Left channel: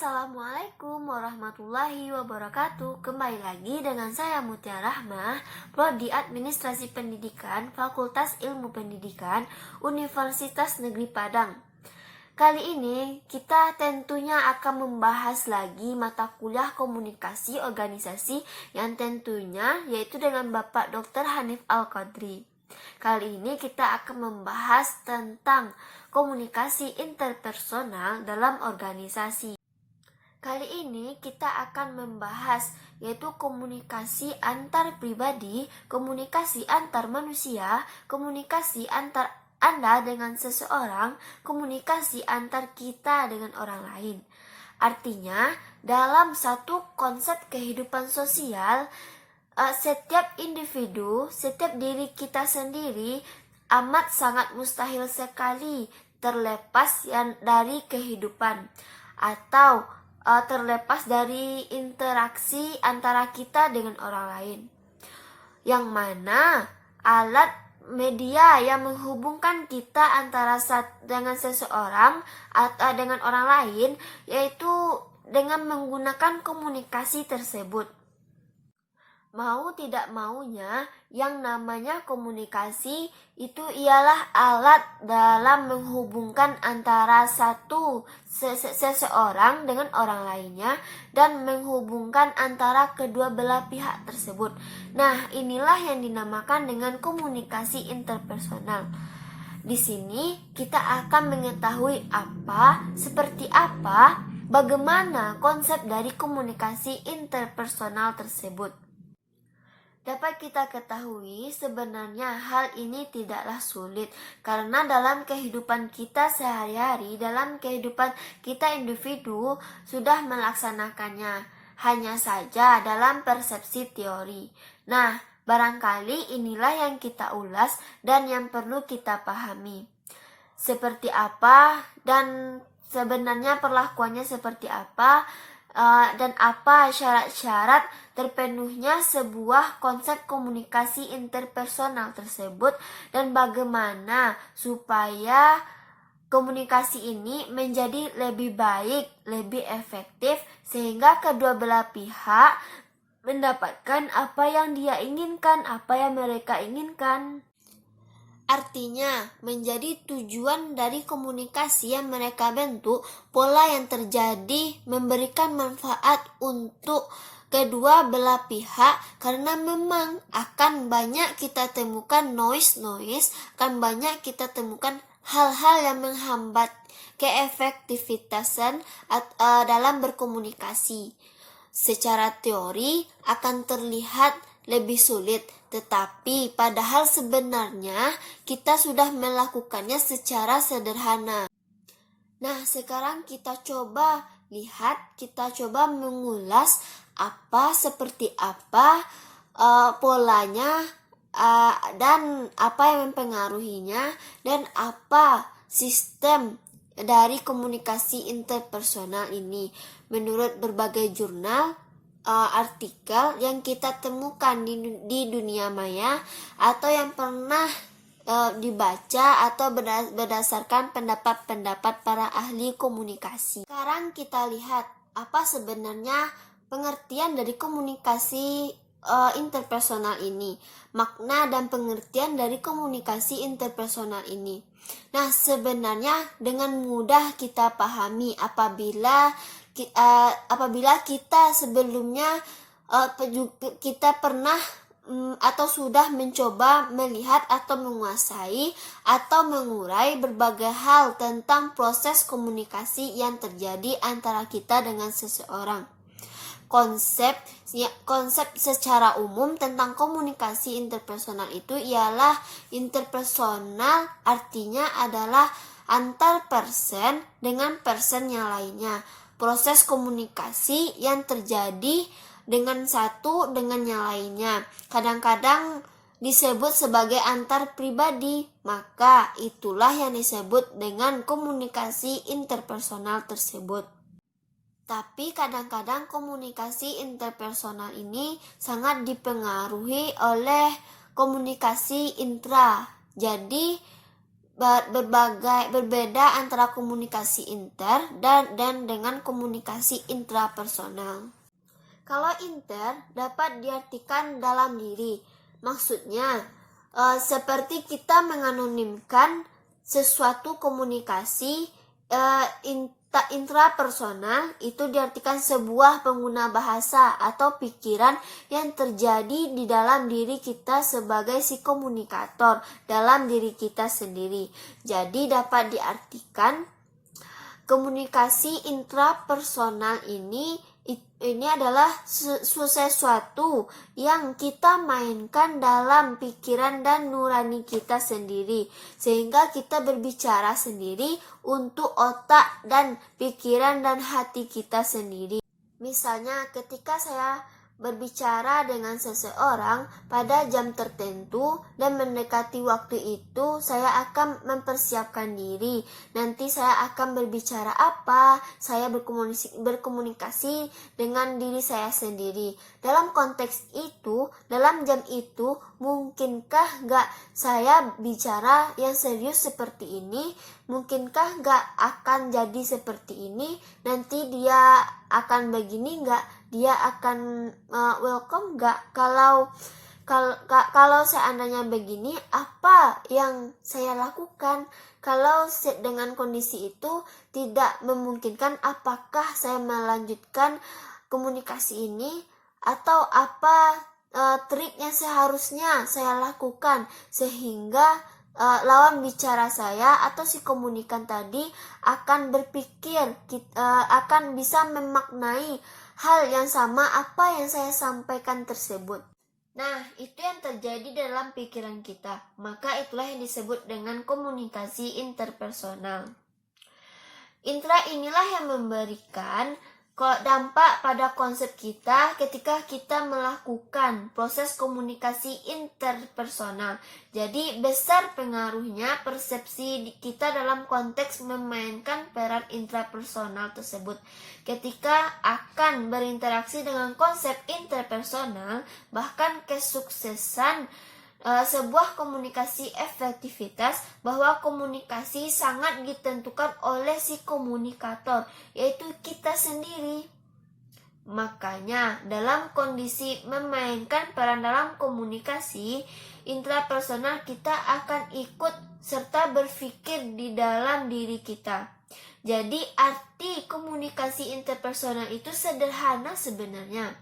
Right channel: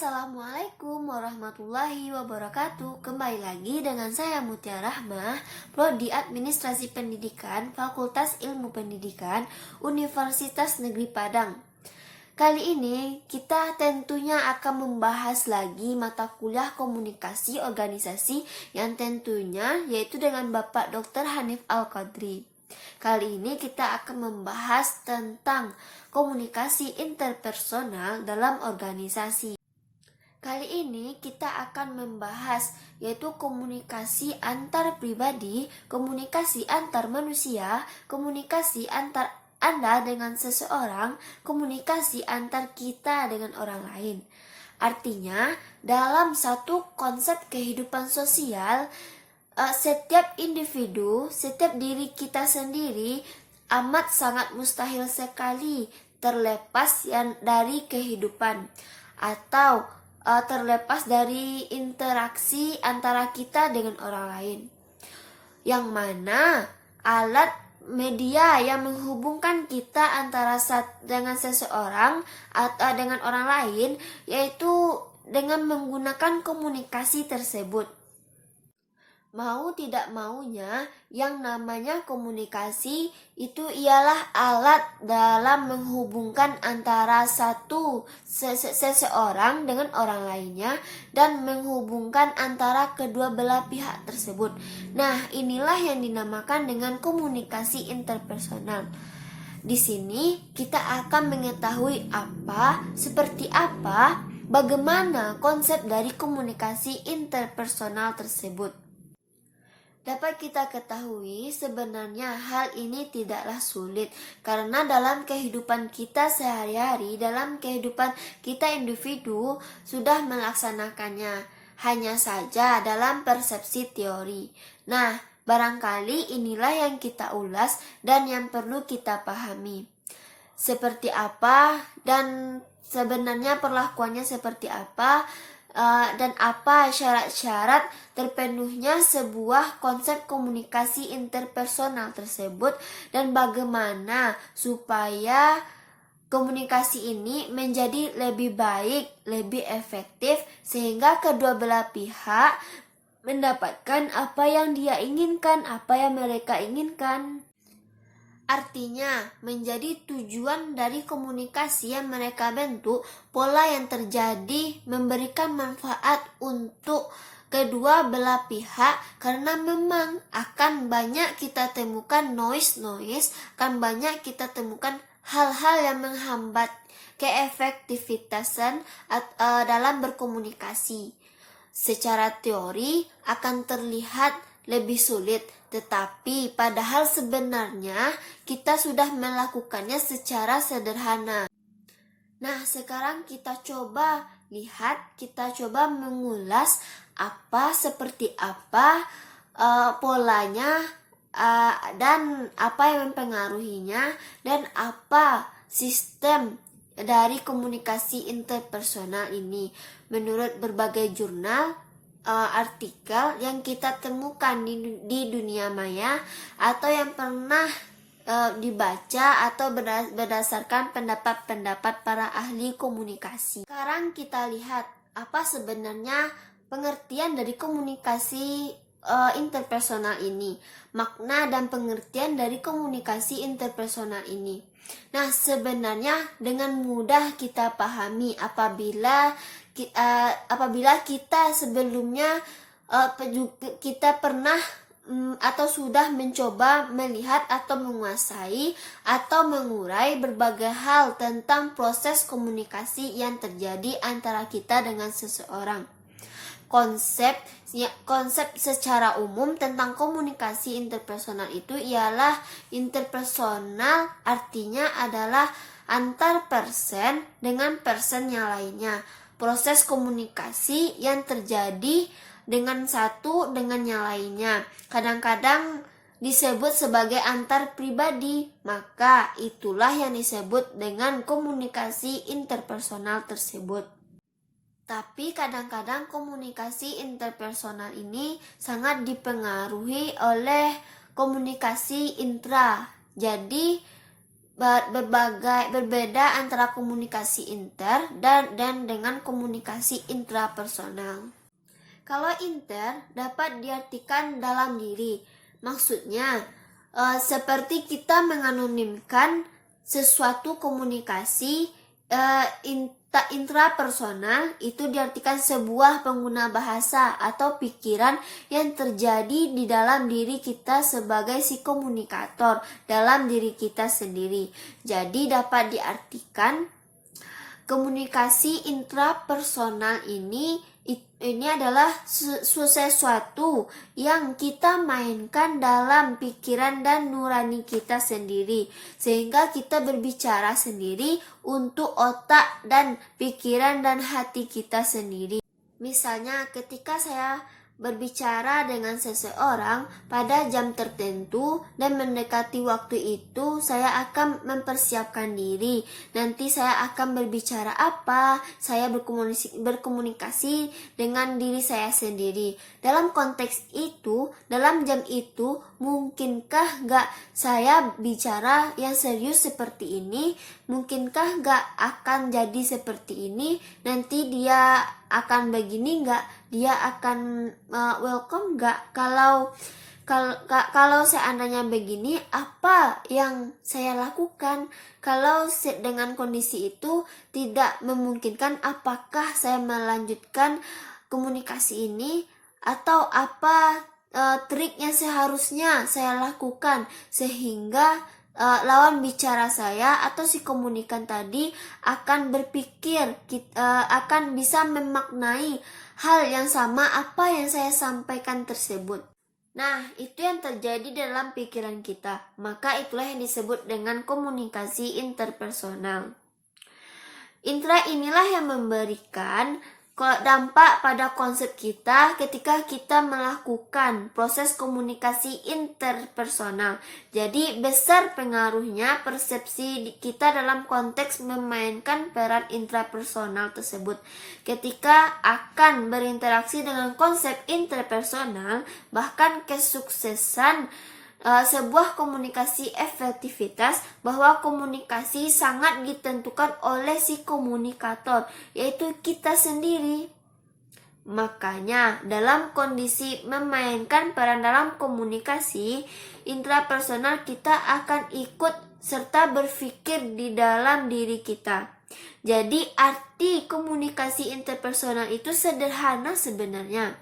Assalamualaikum warahmatullahi wabarakatuh. Kembali lagi dengan saya Mutia Rahmah, Prodi Administrasi Pendidikan, Fakultas Ilmu Pendidikan, Universitas Negeri Padang. Kali ini kita tentunya akan membahas lagi mata kuliah komunikasi organisasi yang tentunya yaitu dengan Bapak Dr. Hanif Al-Qadri. Kali ini kita akan membahas tentang komunikasi interpersonal dalam organisasi. Kali ini kita akan membahas yaitu komunikasi antar pribadi, komunikasi antar manusia, komunikasi antar Anda dengan seseorang, komunikasi antar kita dengan orang lain. Artinya, dalam satu konsep kehidupan sosial, setiap individu, setiap diri kita sendiri amat sangat mustahil sekali terlepas dari kehidupan atau terlepas dari interaksi antara kita dengan orang lain, yang mana alat media yang menghubungkan kita antara dengan seseorang atau dengan orang lain yaitu dengan menggunakan komunikasi tersebut. Mau tidak maunya, yang namanya komunikasi itu ialah alat dalam menghubungkan antara seseorang dengan orang lainnya dan menghubungkan antara kedua belah pihak tersebut. Nah, inilah yang dinamakan dengan komunikasi interpersonal. Di sini kita akan mengetahui seperti apa, bagaimana konsep dari komunikasi interpersonal tersebut. Dapat kita ketahui sebenarnya hal ini tidaklah sulit karena dalam kehidupan kita sehari-hari, dalam kehidupan kita individu sudah melaksanakannya, hanya saja dalam persepsi teori. Nah, barangkali inilah yang kita ulas dan yang perlu kita pahami. Seperti apa dan sebenarnya perlakuannya seperti apa, dan apa syarat-syarat terpenuhnya sebuah konsep komunikasi interpersonal tersebut dan bagaimana supaya komunikasi ini menjadi lebih baik, lebih efektif sehingga kedua belah pihak mendapatkan apa yang dia inginkan, apa yang mereka inginkan. Artinya, menjadi tujuan dari komunikasi yang mereka bentuk, pola yang terjadi memberikan manfaat untuk kedua belah pihak karena memang akan banyak kita temukan noise, akan banyak kita temukan hal-hal yang menghambat keefektivitasan dalam berkomunikasi. Secara teori akan terlihat lebih sulit, tetapi padahal sebenarnya kita sudah melakukannya secara sederhana. Nah, sekarang kita coba lihat, kita coba mengulas seperti apa polanya dan apa yang mempengaruhinya dan apa sistem dari komunikasi interpersonal ini menurut berbagai jurnal, artikel yang kita temukan di dunia maya atau yang pernah dibaca atau berdasarkan pendapat-pendapat para ahli komunikasi. Sekarang kita lihat apa sebenarnya pengertian dari komunikasi interpersonal ini, makna dan pengertian dari komunikasi interpersonal ini. Nah, sebenarnya dengan mudah kita pahami apabila kita sebelumnya kita pernah atau sudah mencoba melihat atau menguasai atau mengurai berbagai hal tentang proses komunikasi yang terjadi antara kita dengan seseorang. Konsep secara umum tentang komunikasi interpersonal itu ialah interpersonal, artinya adalah antar person dengan person yang lainnya. Proses komunikasi yang terjadi dengan satu dengan yang lainnya. Kadang-kadang disebut sebagai antar pribadi, maka itulah yang disebut dengan komunikasi interpersonal tersebut. Tapi kadang-kadang komunikasi interpersonal ini sangat dipengaruhi oleh komunikasi intra. Jadi berbeda antara komunikasi inter dan dengan komunikasi intrapersonal. Kalau inter dapat diartikan dalam diri, maksudnya seperti kita menganonimkan sesuatu komunikasi. Intrapersonal itu diartikan sebuah pengguna bahasa atau pikiran yang terjadi di dalam diri kita sebagai si komunikator dalam diri kita sendiri. Jadi dapat diartikan komunikasi intrapersonal ini adalah sesuatu yang kita mainkan dalam pikiran dan nurani kita sendiri, sehingga kita berbicara sendiri untuk otak dan pikiran dan hati kita sendiri. Misalnya ketika saya berbicara dengan seseorang pada jam tertentu dan mendekati waktu itu, saya akan mempersiapkan diri. Nanti saya akan berbicara apa, saya berkomunikasi dengan diri saya sendiri. Dalam konteks itu, dalam jam itu, mungkinkah gak saya bicara yang serius seperti ini? Mungkinkah gak akan jadi seperti ini? Nanti dia akan begini gak? Dia akan welcome gak? Kalau seandainya begini, apa yang saya lakukan? Kalau dengan kondisi itu tidak memungkinkan, apakah saya melanjutkan komunikasi ini? Atau apa trik yang seharusnya saya lakukan sehingga lawan bicara saya atau si komunikan tadi akan berpikir, akan bisa memaknai hal yang sama apa yang saya sampaikan tersebut. Nah, itu yang terjadi dalam pikiran kita. Maka itulah yang disebut dengan komunikasi interpersonal. Intra inilah yang memberikan dampak pada konsep kita ketika kita melakukan proses komunikasi interpersonal. Jadi besar pengaruhnya persepsi kita dalam konteks memainkan peran intrapersonal tersebut. Ketika akan berinteraksi dengan konsep interpersonal, bahkan kesuksesan sebuah komunikasi efektivitas, bahwa komunikasi sangat ditentukan oleh si komunikator, yaitu kita sendiri. Makanya dalam kondisi memainkan peran dalam komunikasi intrapersonal, kita akan ikut serta berpikir di dalam diri kita. Jadi arti komunikasi interpersonal itu sederhana sebenarnya.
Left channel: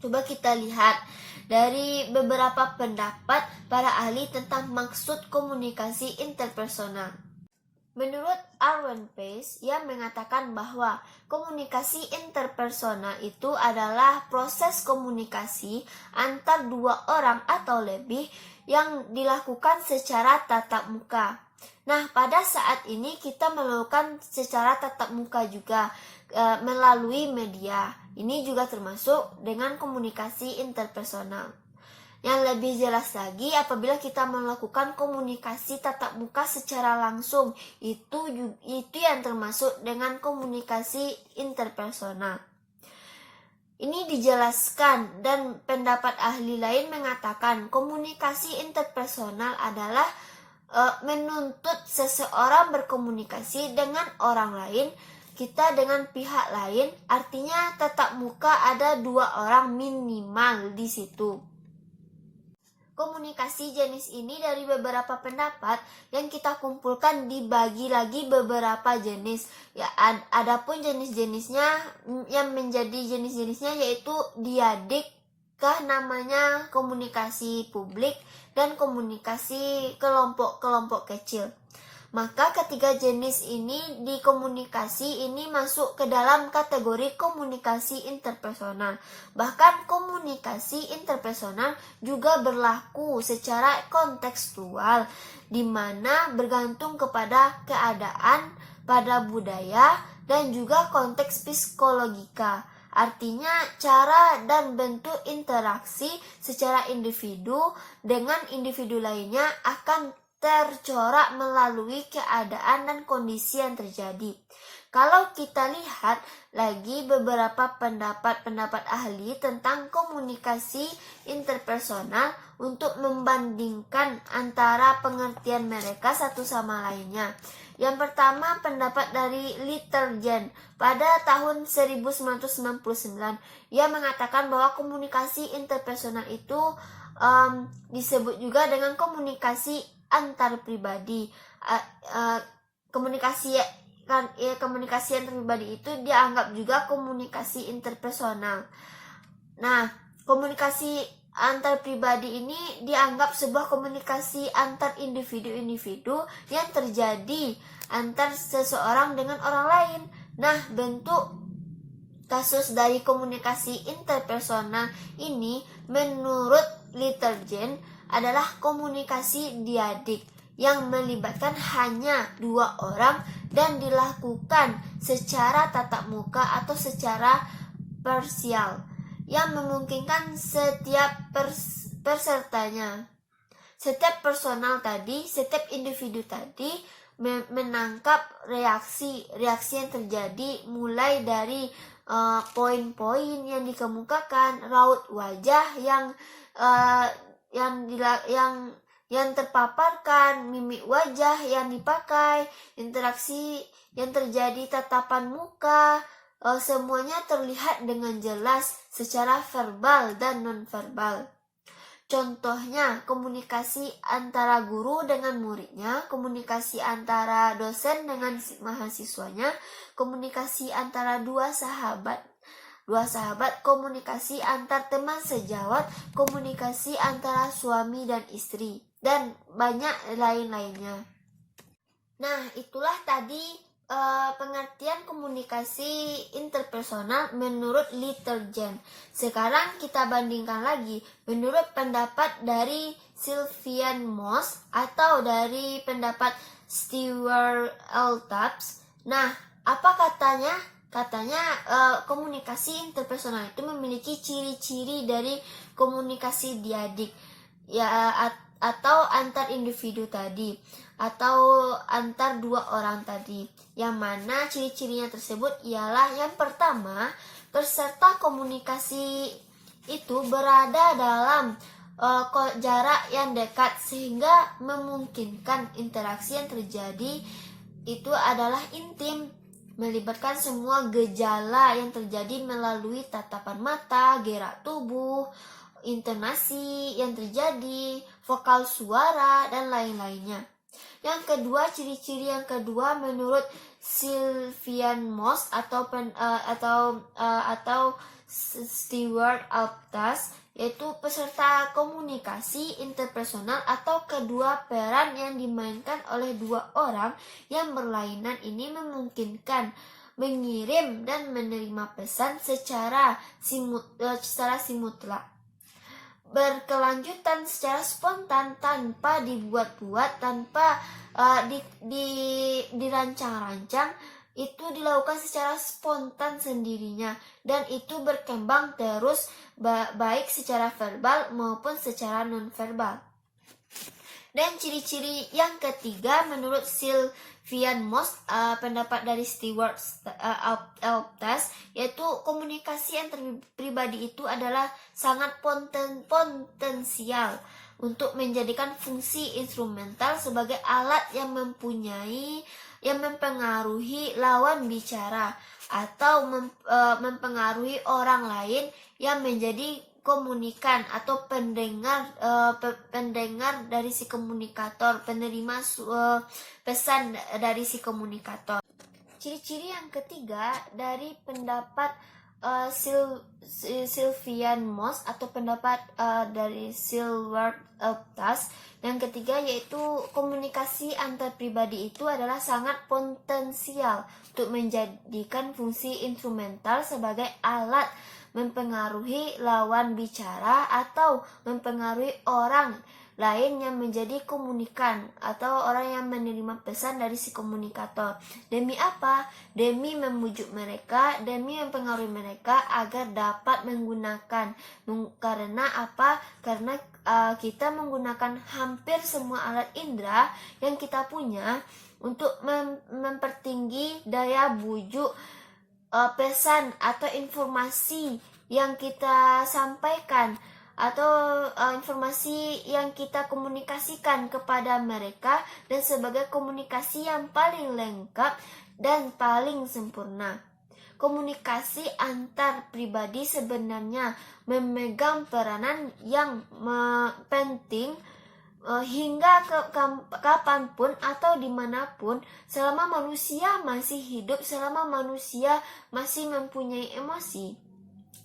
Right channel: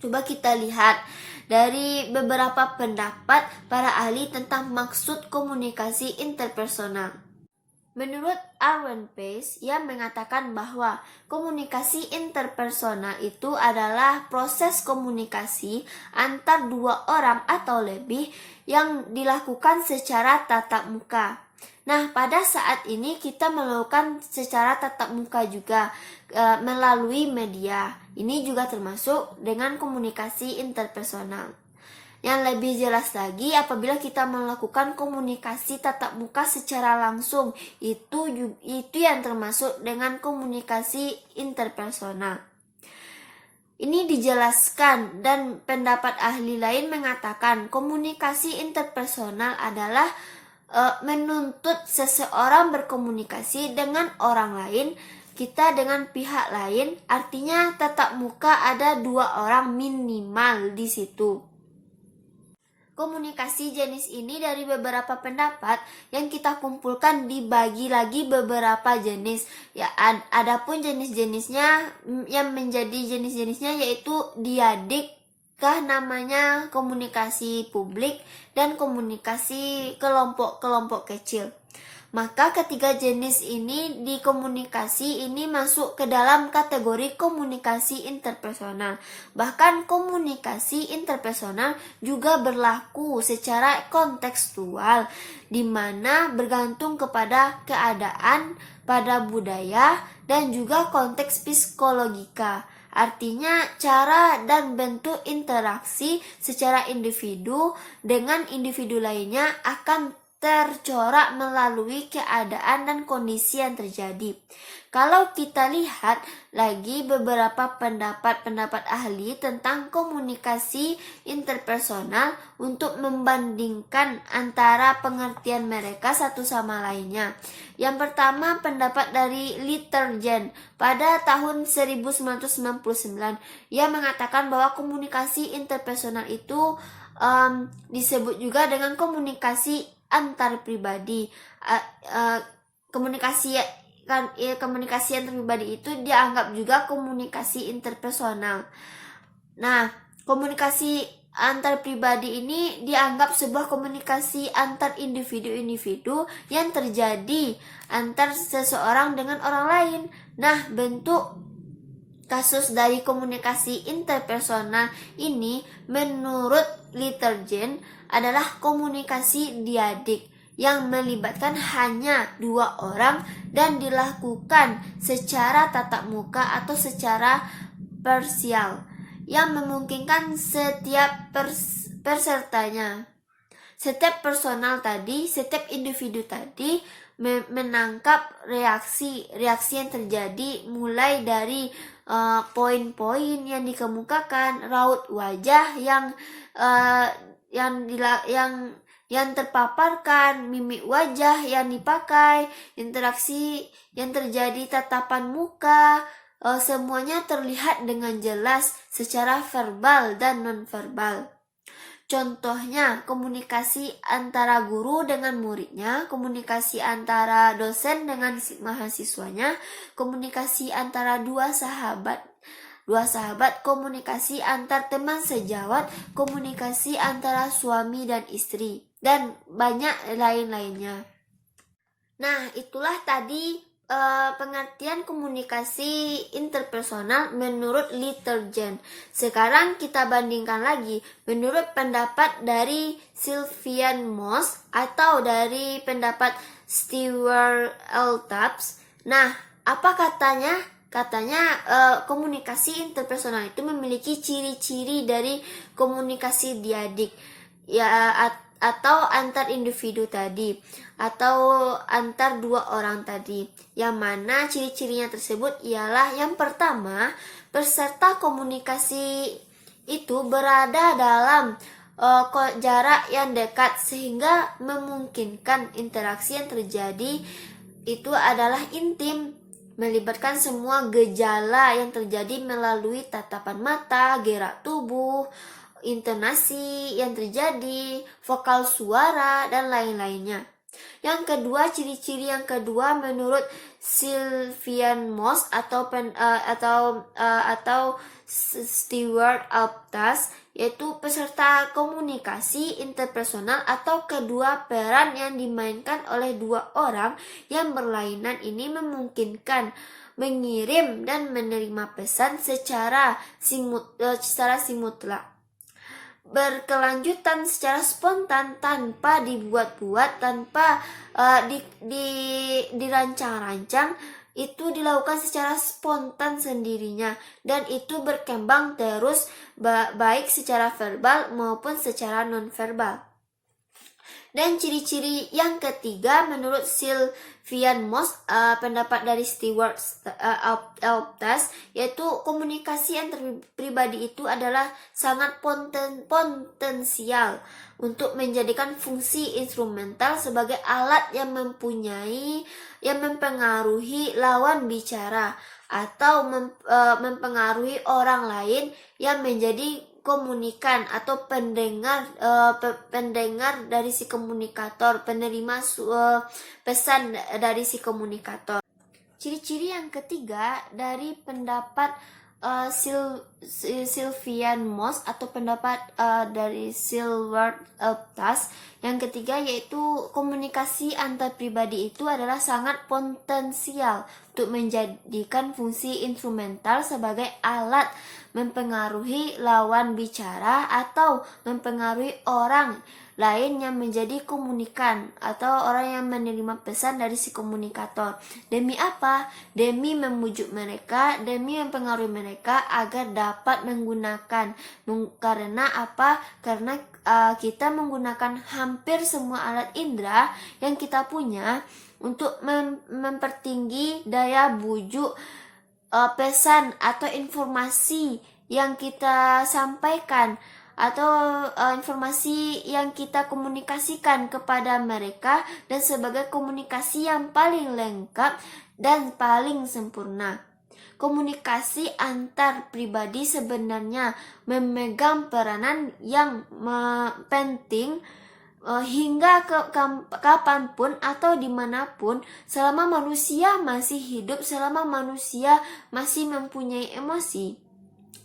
Coba kita lihat dari beberapa pendapat para ahli tentang maksud komunikasi interpersonal. Menurut Arwen Pace, ia mengatakan bahwa komunikasi interpersonal itu adalah proses komunikasi antar dua orang atau lebih yang dilakukan secara tatap muka. Nah, pada saat ini kita melakukan secara tatap muka juga melalui media. Ini juga termasuk dengan komunikasi interpersonal. Yang lebih jelas lagi, apabila kita melakukan komunikasi tatap muka secara langsung, itu yang termasuk dengan komunikasi interpersonal. Ini dijelaskan, dan pendapat ahli lain mengatakan komunikasi interpersonal adalah menuntut seseorang berkomunikasi dengan orang lain, kita dengan pihak lain, artinya tatap muka ada dua orang minimal di situ. Komunikasi jenis ini dari beberapa pendapat yang kita kumpulkan dibagi lagi beberapa jenis. Ya, adapun jenis-jenisnya yang menjadi jenis-jenisnya yaitu diadik, namanya komunikasi publik, dan komunikasi kelompok-kelompok kecil. Maka ketiga jenis ini di komunikasi ini masuk ke dalam kategori komunikasi interpersonal. Bahkan komunikasi interpersonal juga berlaku secara kontekstual, di mana bergantung kepada keadaan, pada budaya, dan juga konteks psikologika. Artinya cara dan bentuk interaksi secara individu dengan individu lainnya akan tercorak melalui keadaan dan kondisi yang terjadi. Kalau kita lihat lagi beberapa pendapat ahli tentang komunikasi interpersonal untuk membandingkan antara pengertian mereka satu sama lainnya. Yang pertama, pendapat dari Littergen pada tahun 1999. Ia mengatakan bahwa komunikasi interpersonal itu disebut juga dengan komunikasi antar pribadi. Komunikasi antar pribadi itu dianggap juga komunikasi interpersonal. Nah, komunikasi antar pribadi ini dianggap sebuah komunikasi antar individu-individu yang terjadi antar seseorang dengan orang lain. Nah, bentuk kasus dari komunikasi interpersonal ini menurut Littergen adalah komunikasi diadik yang melibatkan hanya dua orang dan dilakukan secara tatap muka atau secara parsial yang memungkinkan setiap pesertanya, setiap individu tadi menangkap reaksi yang terjadi mulai dari poin-poin yang dikemukakan, raut wajah yang terpaparkan, mimik wajah yang dipakai, interaksi yang terjadi, tatapan muka, semuanya terlihat dengan jelas secara verbal dan nonverbal. Contohnya, komunikasi antara guru dengan muridnya, komunikasi antara dosen dengan mahasiswanya, komunikasi antara dua sahabat, komunikasi antar teman sejawat, komunikasi antara suami dan istri, dan banyak lain-lainnya. Nah, itulah tadi pengertian komunikasi interpersonal menurut Littergen. Sekarang kita bandingkan lagi menurut pendapat dari Sylvian Moss atau dari pendapat Stewart Eltaps. Nah, apa katanya? Katanya komunikasi interpersonal itu memiliki ciri-ciri dari komunikasi diadik, ya, atau antar individu tadi, atau antar dua orang tadi. Yang mana ciri-cirinya tersebut ialah yang pertama, peserta komunikasi itu berada dalam jarak yang dekat sehingga memungkinkan interaksi yang terjadi itu adalah intim, melibatkan semua gejala yang terjadi melalui tatapan mata, gerak tubuh, intonasi yang terjadi, vokal suara, dan lain-lainnya. Yang kedua, ciri-ciri yang kedua menurut Sylvian Moss atau Stewart Eltaps, yaitu peserta komunikasi interpersonal atau kedua peran yang dimainkan oleh dua orang yang berlainan ini memungkinkan mengirim dan menerima pesan secara simultan, berkelanjutan secara spontan tanpa dibuat-buat, tanpa dirancang-rancang, itu dilakukan secara spontan sendirinya dan itu berkembang terus baik secara verbal maupun secara nonverbal. Dan ciri-ciri yang ketiga menurut Sylvian Moss, pendapat dari Stewart Eltaps, yaitu komunikasi antar pribadi itu adalah sangat potensial untuk menjadikan fungsi instrumental sebagai alat yang mempengaruhi lawan bicara atau mempengaruhi orang lain yang menjadi komunikan atau pendengar dari si komunikator, penerima pesan dari si komunikator. Ciri-ciri yang ketiga dari pendapat Sylvian Moss atau pendapat dari Stewart Eltaps yang ketiga, yaitu komunikasi antar pribadi itu adalah sangat potensial untuk menjadikan fungsi instrumental sebagai alat mempengaruhi lawan bicara atau mempengaruhi orang lain yang menjadi komunikan atau orang yang menerima pesan dari si komunikator. Demi apa? Demi memujuk mereka, demi mempengaruhi mereka agar dapat menggunakan. Karena apa? Karena kita menggunakan hampir semua alat indera yang kita punya untuk mempertinggi daya bujuk pesan atau informasi yang kita sampaikan atau informasi yang kita komunikasikan kepada mereka, dan sebagai komunikasi yang paling lengkap dan paling sempurna. Komunikasi antar pribadi sebenarnya memegang peranan yang penting hingga kapanpun atau dimanapun, selama manusia masih hidup, selama manusia masih mempunyai emosi.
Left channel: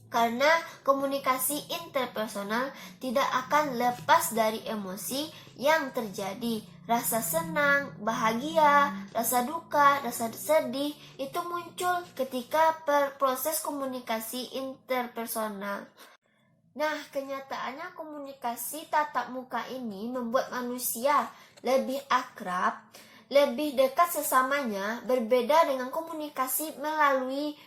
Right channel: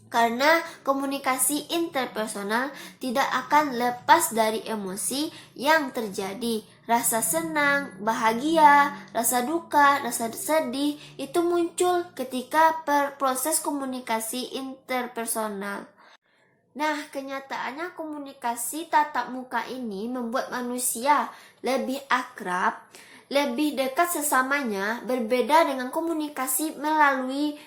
Karena komunikasi interpersonal tidak akan lepas dari emosi yang terjadi. Rasa senang, bahagia, rasa duka, rasa sedih itu muncul ketika proses komunikasi interpersonal. Nah, kenyataannya komunikasi tatap muka ini membuat manusia lebih akrab, lebih dekat sesamanya, berbeda dengan komunikasi melalui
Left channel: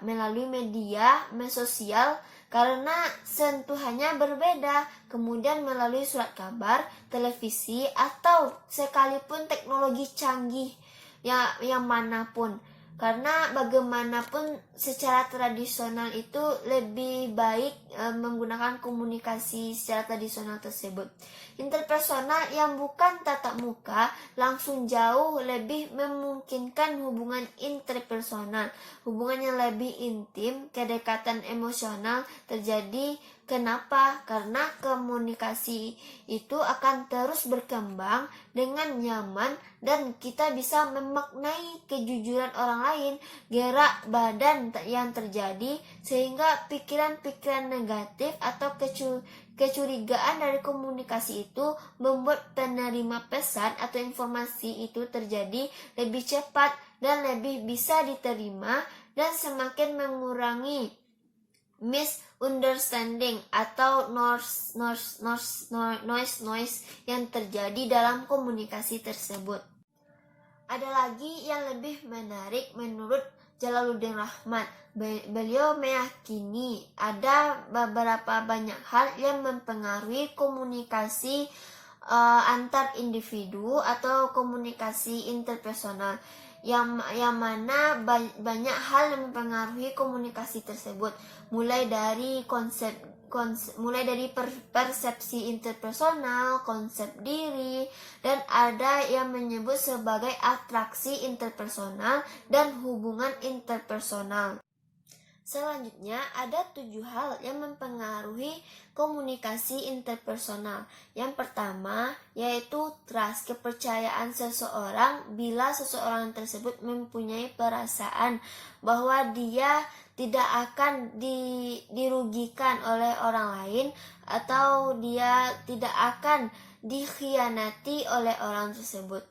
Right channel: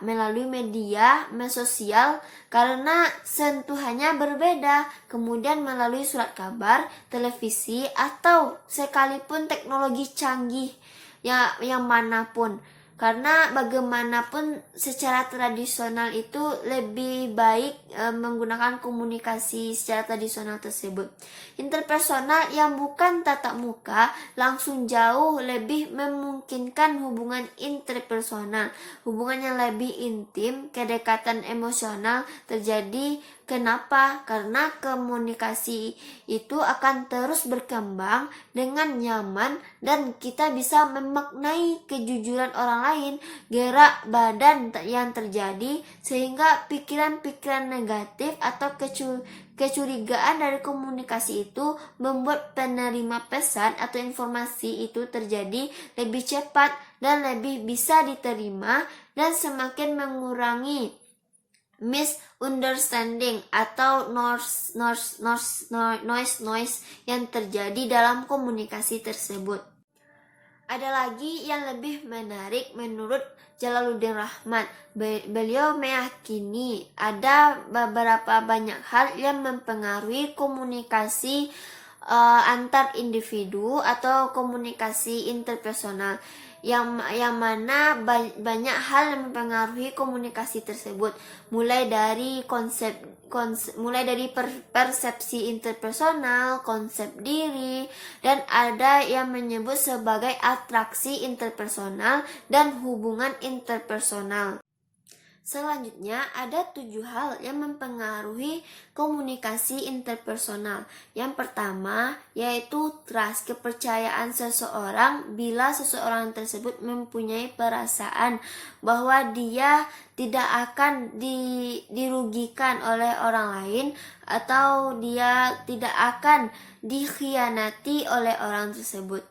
melalui media sosial, karena sentuhannya berbeda, kemudian melalui surat kabar, televisi, atau sekalipun teknologi canggih yang manapun. Karena bagaimanapun secara tradisional itu lebih baik menggunakan komunikasi secara tradisional tersebut. Interpersonal yang bukan tatap muka langsung jauh lebih memungkinkan hubungan interpersonal, hubungan yang lebih intim, kedekatan emosional terjadi. Kenapa? Karena komunikasi itu akan terus berkembang dengan nyaman, dan kita bisa memaknai kejujuran orang lain, gerak badan yang terjadi, sehingga pikiran-pikiran negatif atau kecurigaan dari komunikasi itu membuat penerima pesan atau informasi itu terjadi lebih cepat dan lebih bisa diterima, dan semakin mengurangi misunderstanding atau noise yang terjadi dalam komunikasi tersebut. Ada lagi yang lebih menarik menurut Jalaluddin Rahmat. Beliau meyakini ada beberapa banyak hal yang mempengaruhi komunikasi antar individu atau komunikasi interpersonal, yang mana banyak hal yang mempengaruhi komunikasi tersebut, mulai dari persepsi interpersonal, konsep diri, dan ada yang menyebut sebagai atraksi interpersonal dan hubungan interpersonal. Selanjutnya, ada 7 hal yang mempengaruhi komunikasi interpersonal. Yang pertama, yaitu trust, kepercayaan seseorang bila seseorang tersebut mempunyai perasaan bahwa dia tidak akan dirugikan oleh orang lain, atau dia tidak akan dikhianati oleh orang tersebut.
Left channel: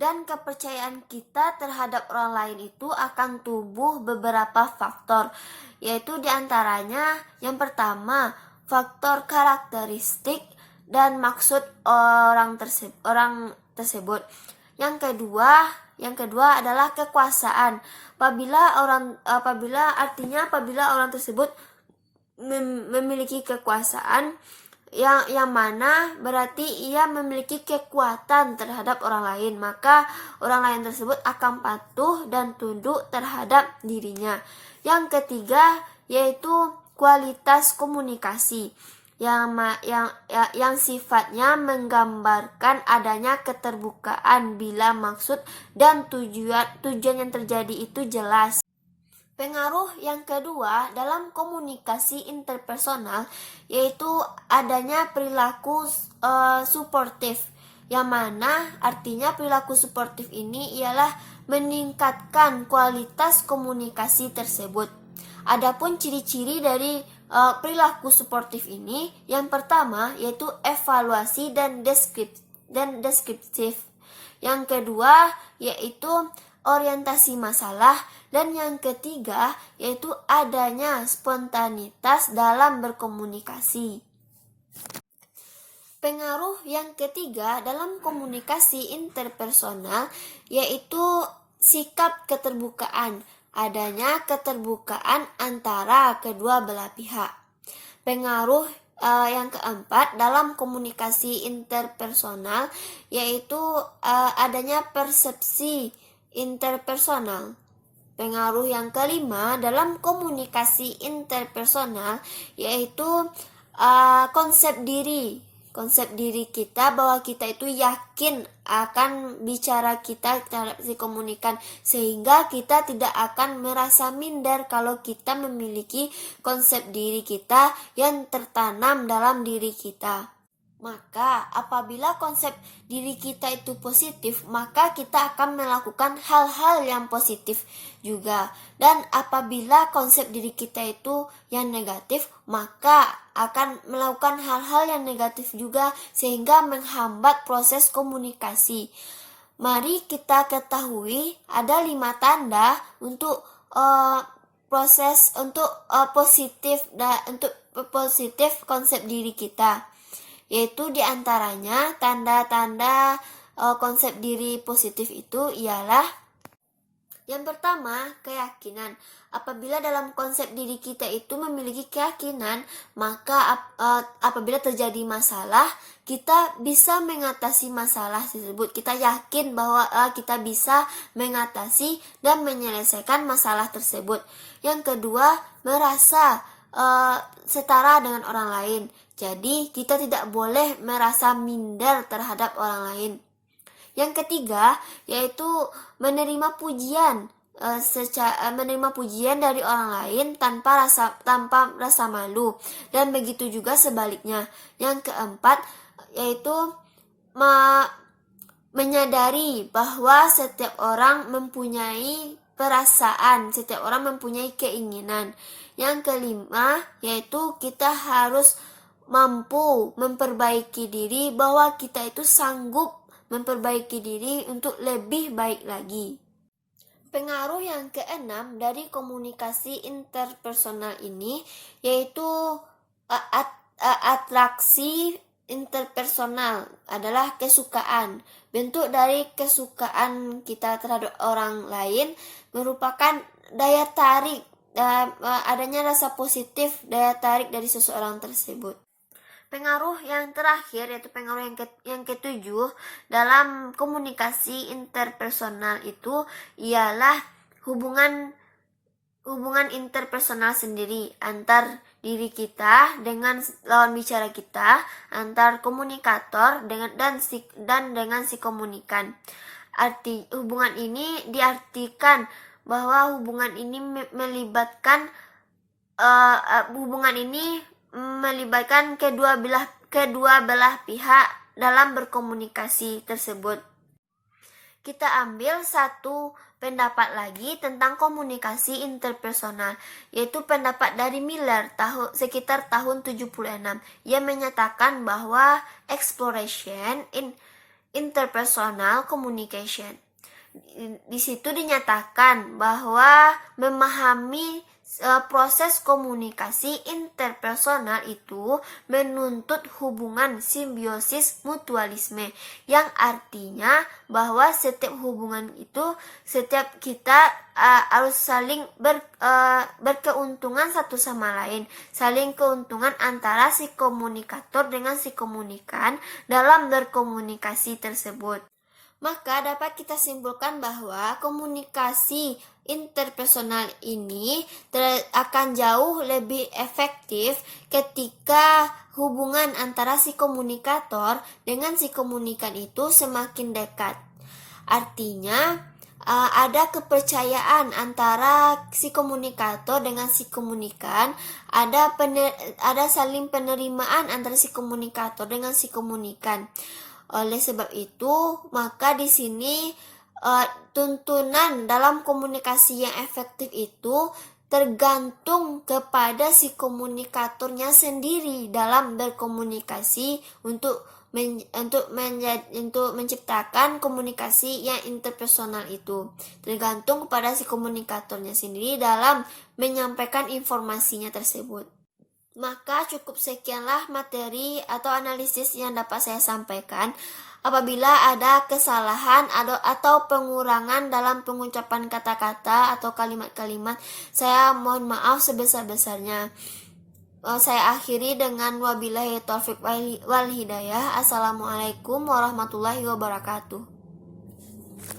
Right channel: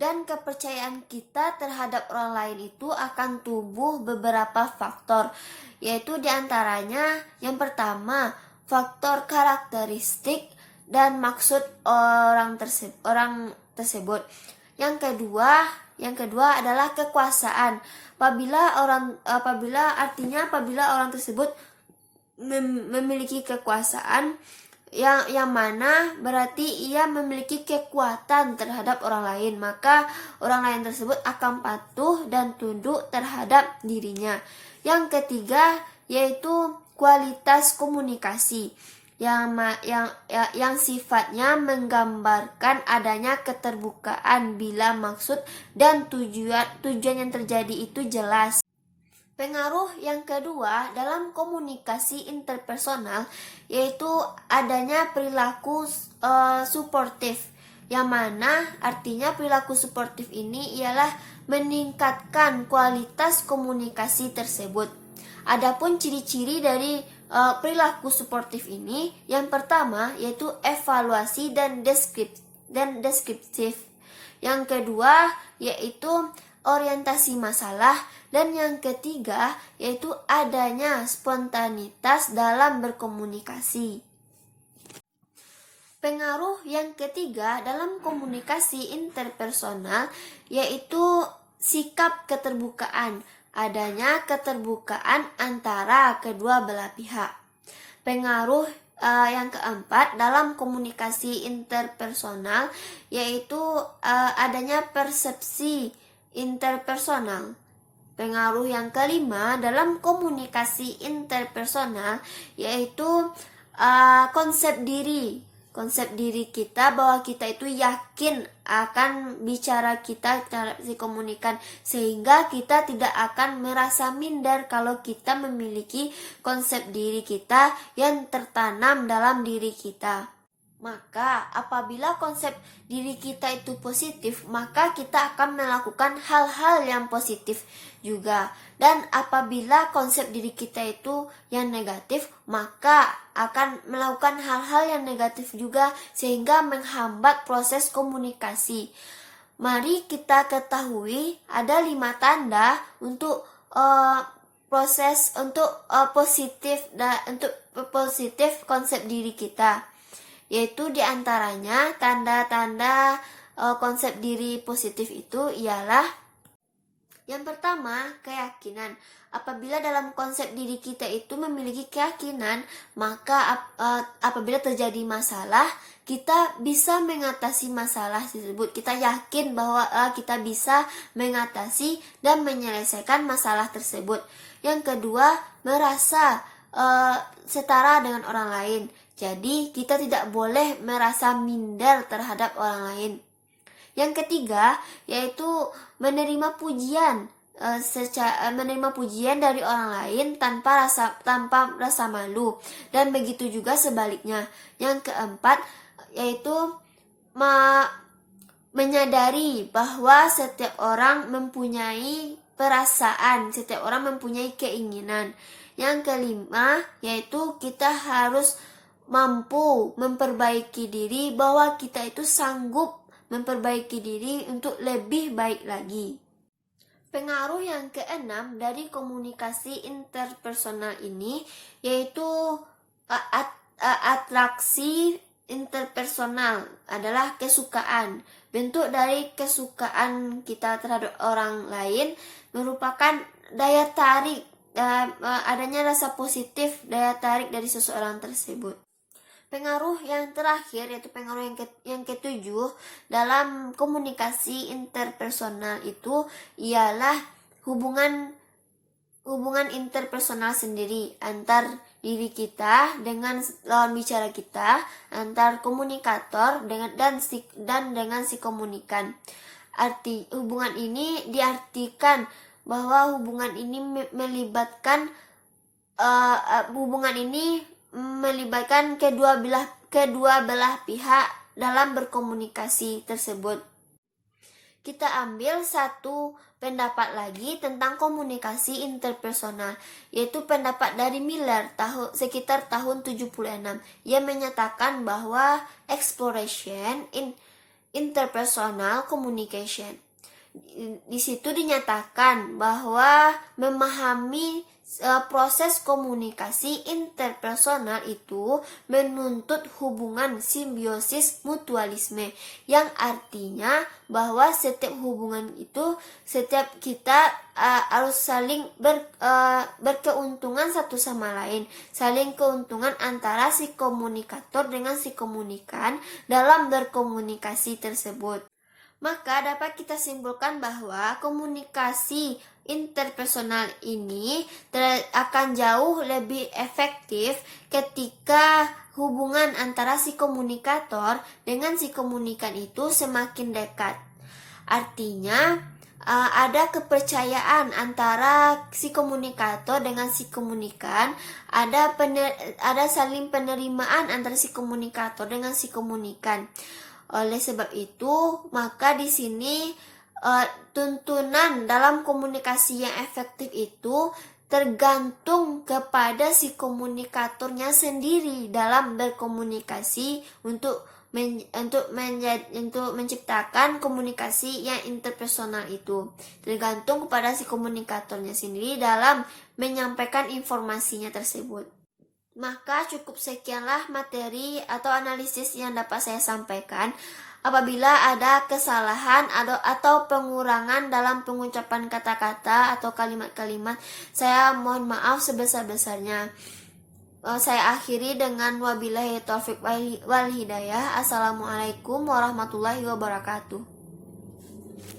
Dan kepercayaan kita terhadap orang lain itu akan tumbuh beberapa faktor, yaitu diantaranya yang pertama, faktor karakteristik dan maksud orang tersebut. Yang kedua adalah kekuasaan. Apabila orang tersebut memiliki kekuasaan, yang mana berarti ia memiliki kekuatan terhadap orang lain, maka orang lain tersebut akan patuh dan tunduk terhadap dirinya. Yang ketiga yaitu kualitas komunikasi yang sifatnya menggambarkan adanya keterbukaan bila maksud dan tujuan yang terjadi itu jelas. Pengaruh yang kedua dalam komunikasi interpersonal yaitu adanya perilaku suportif, yang mana artinya perilaku suportif ini ialah meningkatkan kualitas komunikasi tersebut. Adapun ciri-ciri dari perilaku suportif ini, yang pertama yaitu evaluasi dan deskriptif. Yang kedua yaitu orientasi masalah, dan yang ketiga yaitu adanya spontanitas dalam berkomunikasi. Pengaruh yang ketiga dalam komunikasi interpersonal yaitu sikap keterbukaan, adanya keterbukaan antara kedua belah pihak. Pengaruh yang keempat dalam komunikasi interpersonal yaitu adanya persepsi interpersonal. Pengaruh yang kelima dalam komunikasi interpersonal yaitu konsep diri. Konsep diri kita bahwa kita itu yakin akan bicara kita terhadap si komunikan sehingga kita tidak akan merasa minder kalau kita memiliki konsep diri kita yang tertanam dalam diri kita. Maka apabila konsep diri kita itu positif, maka kita akan melakukan hal-hal yang positif juga. Dan apabila konsep diri kita itu yang negatif, maka akan melakukan hal-hal yang negatif juga sehingga menghambat proses komunikasi. Mari kita ketahui ada 5 tanda untuk proses untuk positif konsep diri kita. Yaitu diantaranya tanda-tanda konsep diri positif itu ialah yang pertama, keyakinan. Apabila dalam konsep diri kita itu memiliki keyakinan, maka apabila terjadi masalah, kita bisa mengatasi masalah tersebut. Kita yakin bahwa kita bisa mengatasi dan menyelesaikan masalah tersebut. Yang kedua, merasa setara dengan orang lain. Jadi, kita tidak boleh merasa minder terhadap orang lain. Yang ketiga, yaitu menerima pujian, menerima pujian dari orang lain tanpa rasa malu, dan begitu juga sebaliknya. Yang keempat, yaitu menyadari bahwa setiap orang mempunyai perasaan, setiap orang mempunyai keinginan. Yang kelima, yaitu kita harus mampu memperbaiki diri, bahwa kita itu sanggup memperbaiki diri untuk lebih baik lagi. Pengaruh yang keenam dari komunikasi interpersonal ini yaitu atraksi interpersonal adalah kesukaan. Bentuk dari kesukaan kita terhadap orang lain merupakan daya tarik, adanya rasa positif daya tarik dari seseorang tersebut. Pengaruh yang terakhir yaitu pengaruh yang ketujuh dalam komunikasi interpersonal itu ialah hubungan interpersonal sendiri antar diri kita dengan lawan bicara kita, antar komunikator dengan si komunikan. Hubungan ini diartikan bahwa hubungan ini melibatkan kedua belah pihak dalam berkomunikasi tersebut. Kita ambil satu pendapat lagi tentang komunikasi interpersonal, yaitu pendapat dari Miller sekitar tahun 76. Ia menyatakan bahwa exploration in interpersonal communication. Di situ dinyatakan bahwa memahami proses komunikasi interpersonal itu menuntut hubungan simbiosis mutualisme, yang artinya bahwa setiap hubungan itu setiap kita harus saling berkeuntungan satu sama lain, saling keuntungan antara si komunikator dengan si komunikan dalam berkomunikasi tersebut. Maka dapat kita simpulkan bahwa komunikasi interpersonal ini akan jauh lebih efektif ketika hubungan antara si komunikator dengan si komunikan itu semakin dekat. Artinya ada kepercayaan antara si komunikator dengan si komunikan, ada saling penerimaan antara si komunikator dengan si komunikan. Oleh sebab itu, maka di sini tuntunan dalam komunikasi yang efektif itu tergantung kepada si komunikatornya sendiri dalam berkomunikasi untuk menciptakan komunikasi yang interpersonal itu. Tergantung kepada si komunikatornya sendiri dalam menyampaikan informasinya tersebut. Maka cukup sekianlah materi atau analisis yang dapat saya sampaikan. Apabila ada kesalahan atau pengurangan dalam pengucapan kata-kata atau kalimat-kalimat, saya mohon maaf sebesar-besarnya. Saya akhiri dengan wabillahi taufik wal hidayah. Assalamualaikum warahmatullahi wabarakatuh.